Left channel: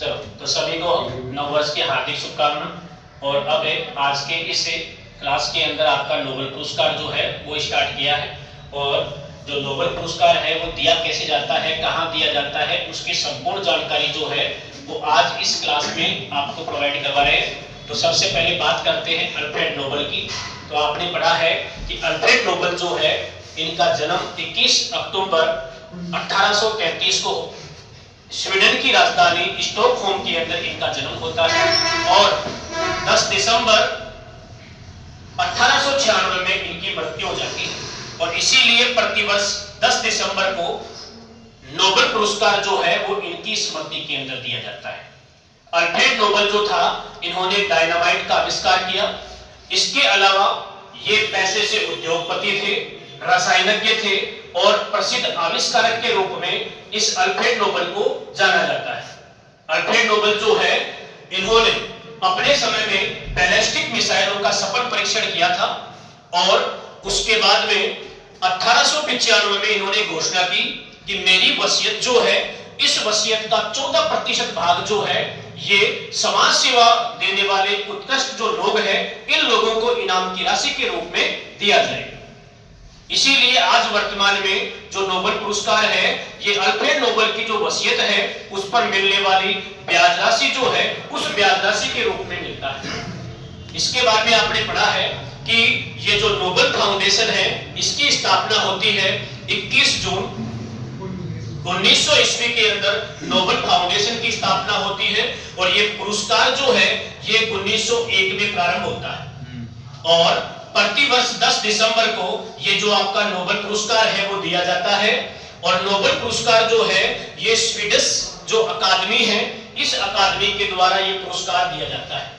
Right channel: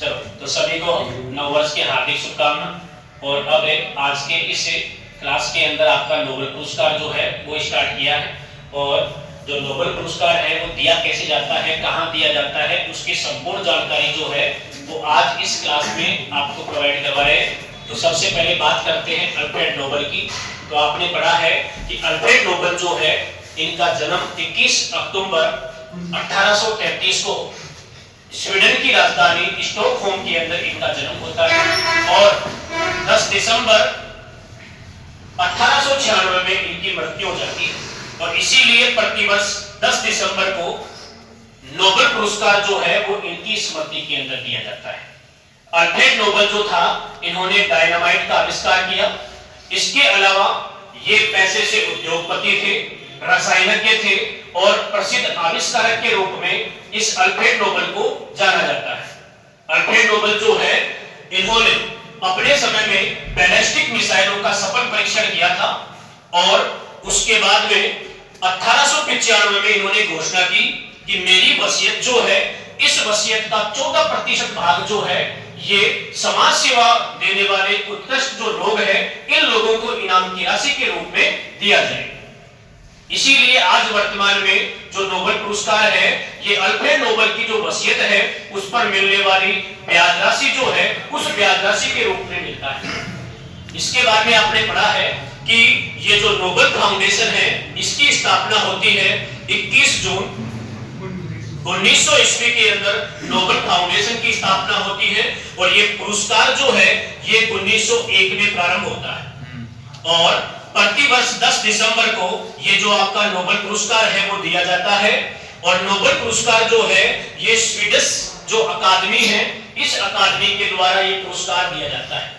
चलो तो सभी को नववर्ष की हार्दिक शुभकामनाएं। और अब आज के इस क्लास के अंदर आपका नोबेल पुरस्कार जो है वो स्टार्ट किया है। और जो नोबेल पुरस्कार है वो दिया कैसे जाता है, कहाँ दिया जाता है, उसकी संपूर्ण जानकारी जो है वो आज इस क्लास में आपको प्रोवाइड करवा रहे हैं। तो सबसे पहले बात करते हैं अल्फ्रेड नोबेल की। तो आपने पढ़ा है कि अल्फ्रेड नोबेल जो है इनका जन्म 21 अक्टूबर 1833 को स्वीडन की राजधानी स्टॉकहोम के अंदर इनका जन्म होता है और 10 दिसंबर 1896 में इनकी मृत्यु हो जाती है। और इसीलिए प्रतिवर्ष 10 दिसंबर को नोबेल पुरस्कार जो है वो इनकी स्मृति के अंदर दिया जाता है। अल्फ्रेड नोबेल जो था इन्होंने डायनामाइट का आविष्कार किया। इसके अलावा ये पैसे से उद्योगपति थे, रसायनज्ञ थे और प्रसिद्ध आविष्कारक के रूप में इस अल्फ्रेड नोबेल को जाना जाता है। अल्फ्रेड नोबेल जो है इन्होंने अपने समय में बैलिस्टिक मिसाइलों का सफल परीक्षण किया था और उसके बाद में 1895 में इन्होंने घोषणा की कि मेरी वसीयत जो है, इस वसीयत का 14% भाग जो है ये समाज सेवा देने वाले उत्कृष्ट जो लोग हैं इन लोगों को इनाम की राशि के रूप में दिया जाए। इसीलिए आज वर्तमान में जो नोबेल पुरस्कार है ये अल्फ्रेड नोबेल की जो वसीयत है उस पर मिलने वाली ब्याज राशि जो है उस ब्याज राशि के रूप में मिलता है। इसके बाद में आपने पढ़ा है कि ये जो नोबेल फाउंडेशन है इसकी स्थापना होती है 21 जून 1900 ईस्वी के अंदर नोबेल फाउंडेशन की स्थापना होती है और ये पुरस्कार जो है ये 1901 में प्रारंभ होता है और प्रतिवर्ष 10 दिसंबर को ये जो आपका नोबेल पुरस्कार है वो दिया जाता है। और नोबेल पुरस्कार जो है ये स्वीडिश जो अकादमी है इस अकादमी के द्वारा ये पुरस्कार दिया जाता है।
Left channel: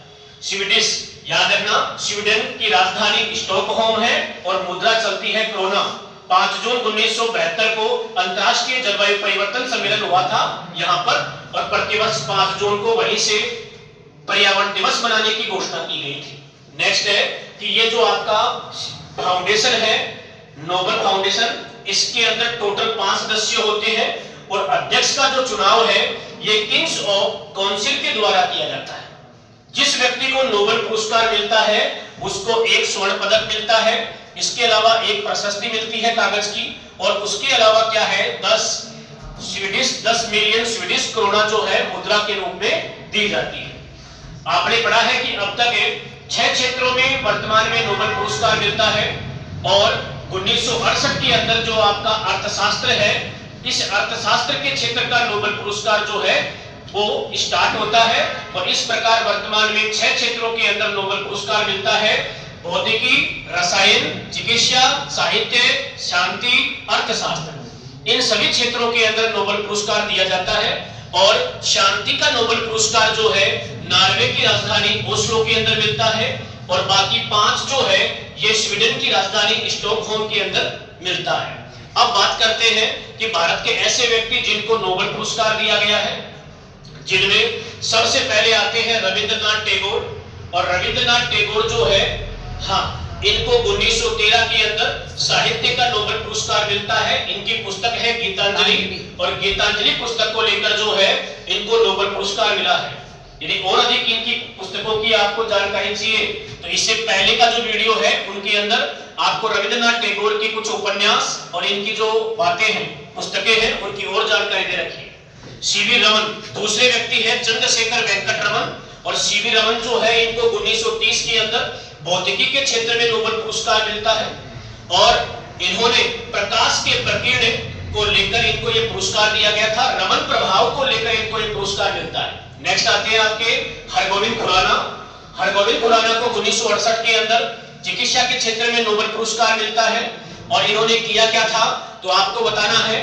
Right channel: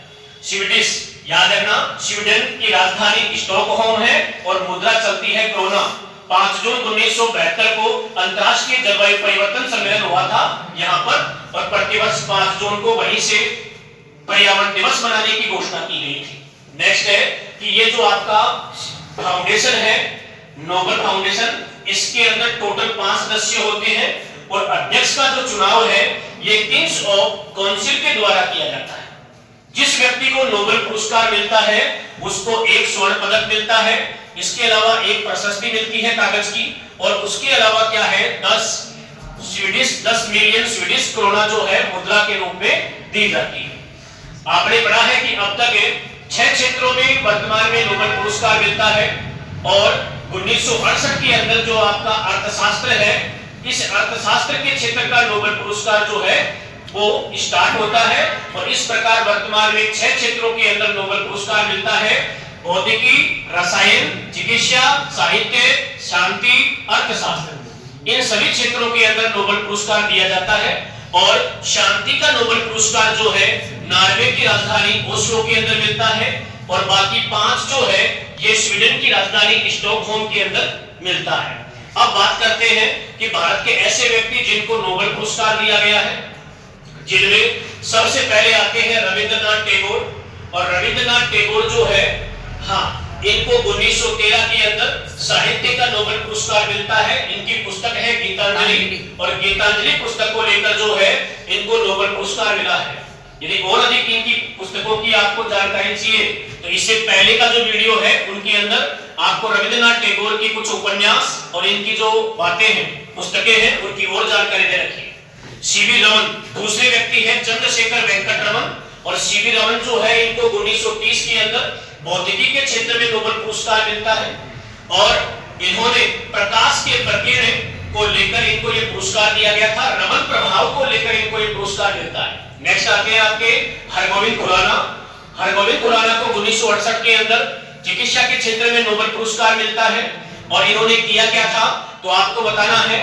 स्वीडिश याद रखना, स्वीडन की राजधानी स्टॉकहोम है और मुद्रा चलती है क्रोना। 5 जून 1972 को अंतर्राष्ट्रीय जलवायु परिवर्तन सम्मेलन हुआ था यहाँ पर और प्रतिवर्ष 5 जून को वहीं से पर्यावरण दिवस मनाने की घोषणा की गई थी। नेक्स्ट है कि ये जो आपका फाउंडेशन है नोबेल फाउंडेशन, इसके अंदर टोटल 5 सदस्य होते हैं और अध्यक्ष का जो चुनाव है ये किंग्स ऑफ काउंसिल के द्वारा किया जाता है। जिस व्यक्ति को नोबेल पुरस्कार मिलता है उसको एक स्वर्ण पदक मिलता है, इसके अलावा एक प्रशस्ति मिलती है कागज की और उसके अलावा क्या है 10 मिलियन स्वीडिश क्रोना जो है मुद्रा के रूप में दी जाती है। आपने पढ़ा है कि अब तक 6 क्षेत्रों में वर्तमान में नोबेल पुरस्कार मिलता है और 1968 के अंदर जो आपका अर्थशास्त्र है इस अर्थशास्त्र के क्षेत्र का नोबेल पुरस्कार जो है वो स्टार्ट होता है और इस प्रकार वर्तमान में 6 क्षेत्रों के अंदर नोबेल पुरस्कार मिलता है। भौतिकी, रसायन, चिकित्सा, साहित्य, शांति, अर्थशास्त्र, इन सभी क्षेत्रों के अंदर नोबेल पुरस्कार दिया जाता है। और शांति का नोबेल पुरस्कार जो है नॉर्वे की राजधानी ओस्लो के अंदर मिलता है और बाकी 5 जो है ये स्वीडन की राजधानी स्टॉकहोम के अंदर मिलता है। अब बात करते हैं कि भारत के ऐसे व्यक्ति जिनको नोबेल पुरस्कार दिया गया है, जिनमें सबसे पहले आते हैं रविंद्रनाथ टैगोर। और रविंद्रनाथ टैगोर जो है इनको 1913 के अंदर साहित्य का नोबेल पुरस्कार मिलता है। इनकी पुस्तक है गीतांजलि और गीतांजलि पुस्तक को लेकर जो है इनको नोबेल पुरस्कार मिला है। यदि और अधिक इनकी पुस्तकों की आपको जानकारी चाहिए तो इससे पहले का जो वीडियो है उनके अंदर आपको रविंद्रनाथ टैगोर की कुछ उपन्यास और इनकी जो बातें हैं पुस्तकें हैं उनकी और जानकारी दे रखी है। सीवी रमन दूसरे व्यक्ति है, चंद्रशेखर वेंकट रमन। और सीवी रमन जो है इनको 1930 के अंदर भौतिकी के क्षेत्र में नोबेल पुरस्कार मिलता है और इन्होंने प्रकाश के प्रकीर्ण को लेकर इनको ये पुरस्कार दिया गया था। रमन प्रभाव को लेकर इनको ये पुरस्कार मिलता है। नेक्स्ट आते हैं आपके हरगोविंद खुराना। हरगोविंद खुराना को 1968 के अंदर चिकित्सा के क्षेत्र में नोबेल पुरस्कार मिलता है और इन्होंने किया क्या था तो आपको बताना है।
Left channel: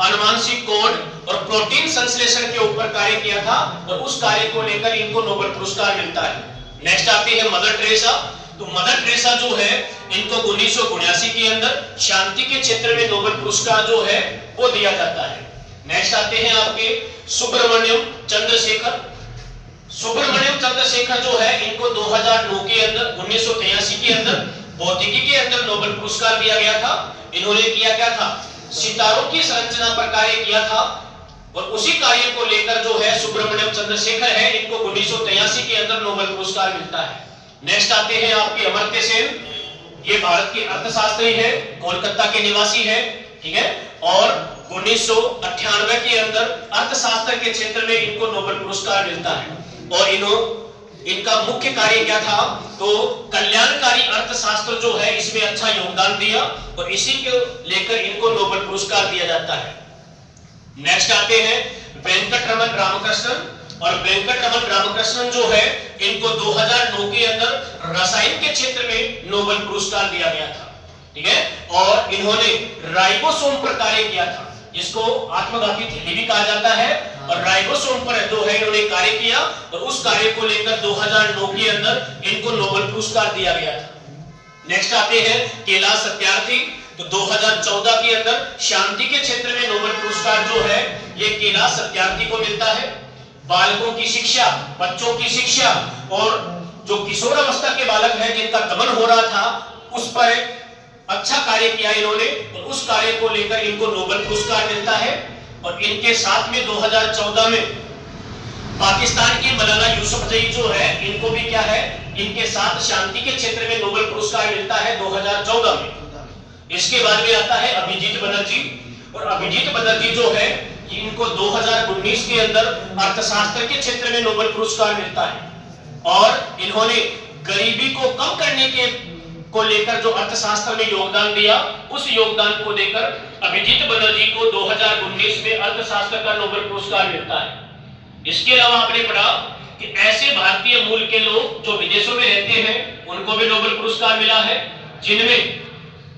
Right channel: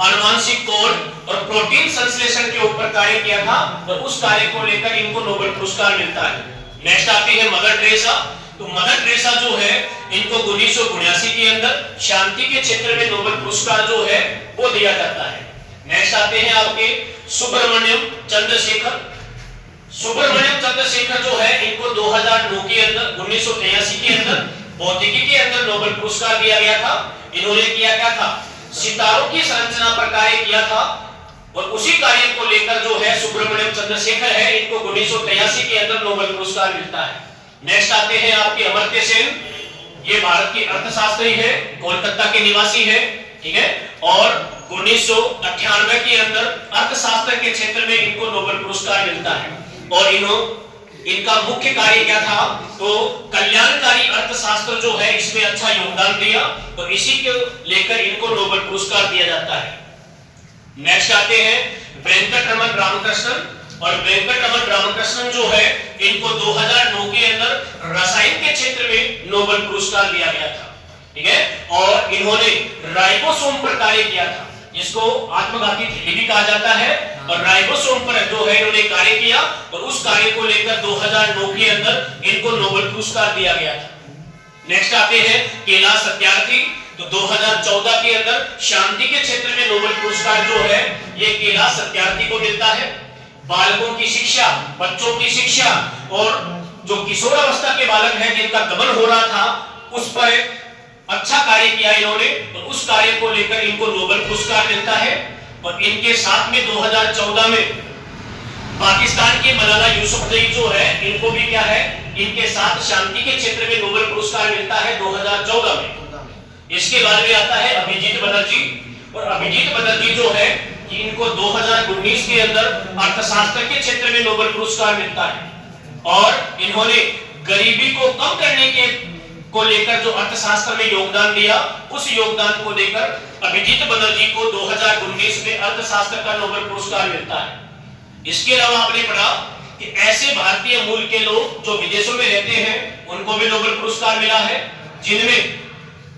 अनुवांशिक कोड और प्रोटीन संश्लेषण के ऊपर कार्य किया था और उस कार्य को लेकर इनको नोबेल पुरस्कार मिलता है। नेक्स्ट आती है मदर टेरेसा। तो मदर टेरेसा जो है इनको 1979 के अंदर शांति के क्षेत्र में नोबेल पुरस्कार जो है वो दिया जाता है। नेक्स्ट आते हैं आपके सुब्रमण्यम चंद्रशेखर। सुब्रमण्यम चंद्रशेखर जो है इनको 2009 के अंदर 1983 के अंदर भौतिकी के अंदर नोबेल पुरस्कार दिया गया था। इन्होंने किया क्या था, सितारों की संरचना पर कार्य किया था और उसी कार्य को लेकर जो है सुब्रमण्यम चंद्रशेखर है, इनको 1983 के अंदर नोबेल पुरस्कार मिलता है। नेक्स्ट आते हैं आपके अमर्त्य सेन, ये भारत के अर्थशास्त्री है, कोलकाता के निवासी है, ठीक है, और 1998 के अंदर अर्थशास्त्र के क्षेत्र में इनको नोबेल पुरस्कार मिलता है। और इनका मुख्य कार्य क्या था, तो कल्याणकारी अर्थशास्त्र जो है इसमें अच्छा योगदान दिया और इसी को लेकर इनको नोबेल पुरस्कार दिया जाता है। नेक्स्ट आते हैं वेंकटरमन रामकृष्णन, और वेंकटरमन रामकृष्णन जो है इनको 2009 के अंदर रसायन के क्षेत्र में नोबेल पुरस्कार दिया गया था, ठीक है, और इन्होंने राइबोसोम पर कार्य किया था, जिसको आत्मघाती थैली भी कहा जाता है, और राइबोसोम पर जो है इन्होंने कार्य किया और उस कार्य को लेकर 2009 के अंदर इनको नोबेल पुरस्कार दिया गया था। नेक्स्ट आते हैं कैलाश सत्यार्थी, तो 2014 के अंदर शांति के क्षेत्र में नोबेल पुरस्कार जो है ये कैलाश सत्यार्थी को मिलता है। बालकों की शिक्षा, बच्चों की शिक्षा और जो किशोरावस्था के बालक हैं जिनका दमन हो रहा था उस पर अच्छा कार्य किया इन्होंने, और उस कार्य को लेकर इनको नोबेल पुरस्कार मिलता है। और इनके साथ में 2014 में पाकिस्तान की मलाला यूसुफजई जो है इनको भी क्या है, इनके साथ शांति के क्षेत्र में नोबेल पुरस्कार मिलता है 2014 में। इसके बाद में आता है अभिजीत बनर्जी, और अभिजीत बनर्जी जो है इनको 2019 के अंदर अर्थशास्त्र के क्षेत्र में नोबेल पुरस्कार मिलता है, और इन्होंने गरीबी को कम करने के को लेकर जो अर्थशास्त्र में योगदान दिया उस योगदान को लेकर अभिजीत बनर्जी को 2019 में अर्थशास्त्र का नोबेल पुरस्कार मिलता है। इसके अलावा आपने पढ़ा कि ऐसे भारतीय मूल के लोग जो विदेशों में रहते हैं उनको भी नोबेल पुरस्कार मिला है, जिनमें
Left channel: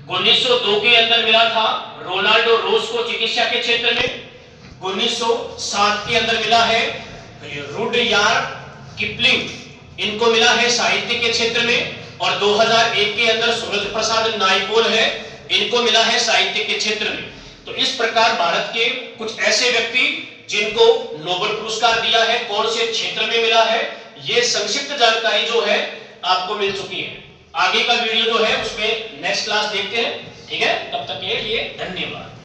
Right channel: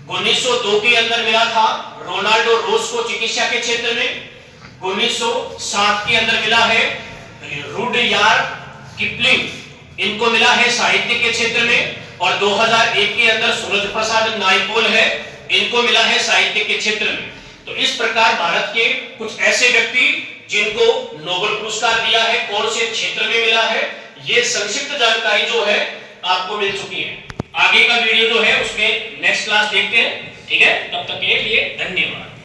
1902 के अंदर मिला था रोनाल्डो रोज को चिकित्सा के क्षेत्र में, 1907 के अंदर मिला है रुडयार्ड किपलिंग, इनको मिला है साहित्य के क्षेत्र में, और 2001 के अंदर सूरज प्रसाद नायपॉल है, इनको मिला है साहित्य के क्षेत्र में। तो इस प्रकार भारत के कुछ ऐसे व्यक्ति जिनको नोबेल पुरस्कार दिया है, कौन से क्षेत्र में मिला है, ये संक्षिप्त जानकारी जो है आपको मिल चुकी है। आगे का वीडियो जो है उसमें नेक्स्ट क्लास देखते हैं, ठीक है, तब तक के लिए धन्यवाद।